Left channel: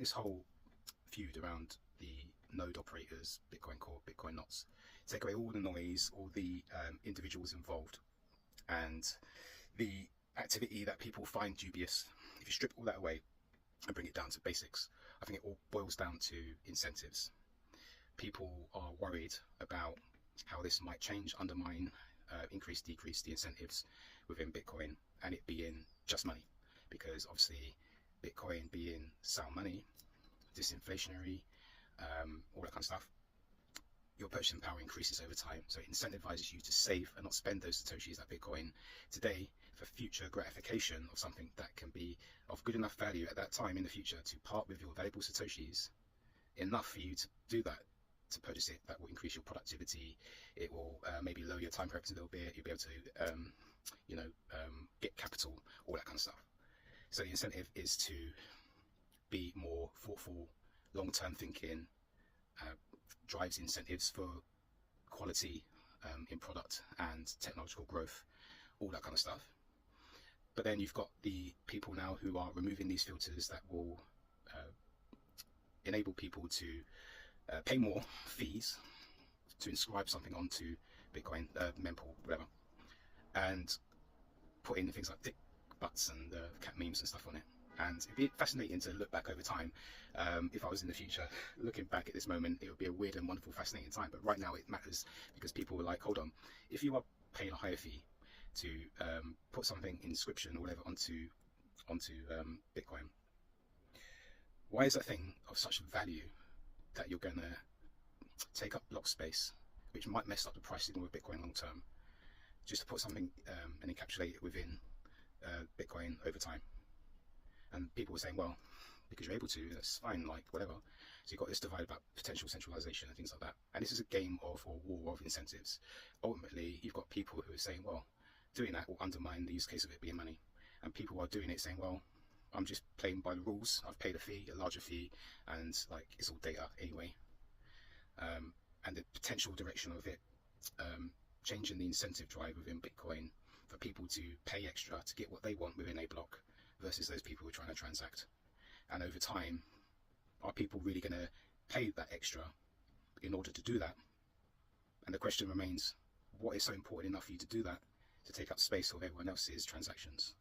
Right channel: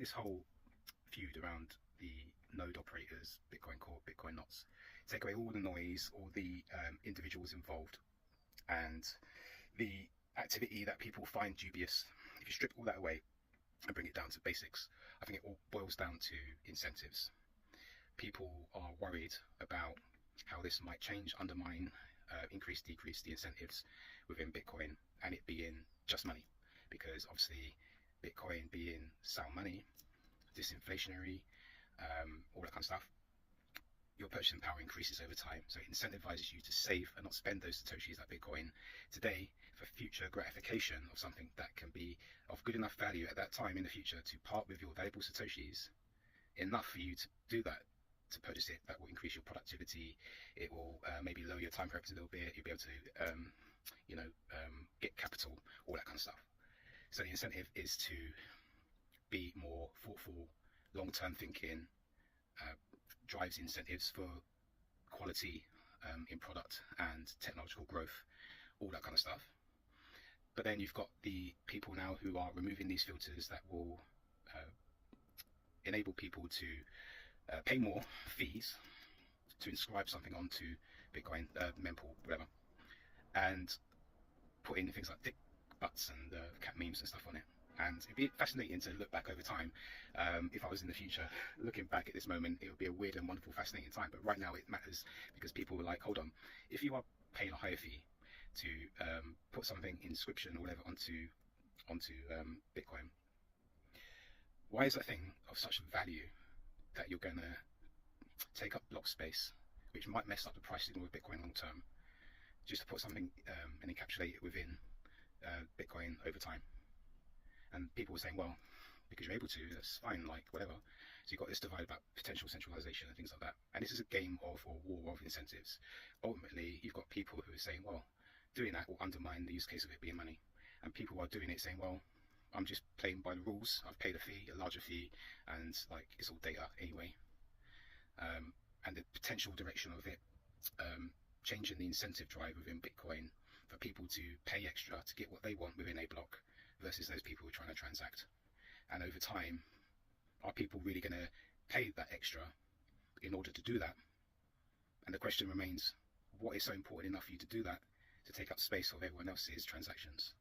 think this whole feud around the node operators, Bitcoin Core, Bitcoin Knots, take away all the noise, all the individuals involved, and the activity that people find dubious. If you strip all that away and bring it down to basics, I think it all boils down to incentives. People are worried about how this might change, undermine, increase, decrease the incentives within Bitcoin, and it being just money, because obviously Bitcoin being sound money, disinflationary, all that kind of stuff, your purchasing power increases over time. So it incentivizes you to save and not spend those Satoshis at Bitcoin today for future gratification of something that can be of good enough value at that time in the future to part with your valuable Satoshis enough for you to do that, to purchase it. That will increase your productivity. It will maybe lower your time preference a little bit. You'll be able to get capital, all that kind of stuff. So the incentive is to be more thoughtful, long-term thinking, drives incentives for quality in product and technological growth, all that kind of stuff. But then you've got the people now who are removing these filters that will enable people to pay more fees to inscribe something onto Bitcoin, mempool, whatever, and put in things like dick butts and cat memes and stuff on it. And it'd be fascinating to look back over time. If I was in the future, looking back at this moment, it would be a weird and wonderful, fascinating time. But right now it matters because people were like, hold on, if you are paying a higher fee to put something, inscription or whatever, onto Bitcoin, why is that thing of such value that you're going to take up block space, which might mess up the price signal of Bitcoin long term, just to put something and encapsulate it within Bitcoin over time? And people were saying, well, because you're able to, that's fine, like whatever. So you've got this divide about potential centralization and things like that. And this is a game of, or war of incentives. Ultimately, you've got people who are saying, well, doing that will undermine the use case of it being money. And people are doing it saying, well, I'm just playing by the rules. I've paid a fee, a larger fee, and like it's all data anyway. And the potential direction of it changing the incentive drive within Bitcoin for people to pay extra to get what they want within a block versus those people who are trying to transact. And over time, are people really going to pay that extra in order to do that? And the question remains, what is so important enough for you to do that, to take up space of everyone else's transactions?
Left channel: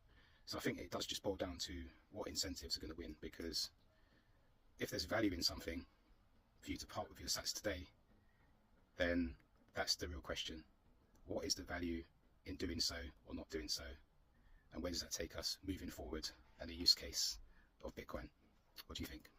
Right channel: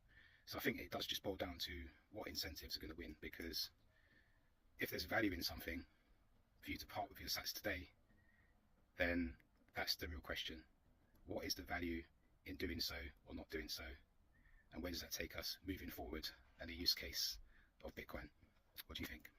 So I think it does just boil down to what incentives are going to win, because if there's value in something for you to part with your sats today, then that's the real question. What is the value in doing so or not doing so? And where does that take us moving forward and the use case of Bitcoin? What do you think?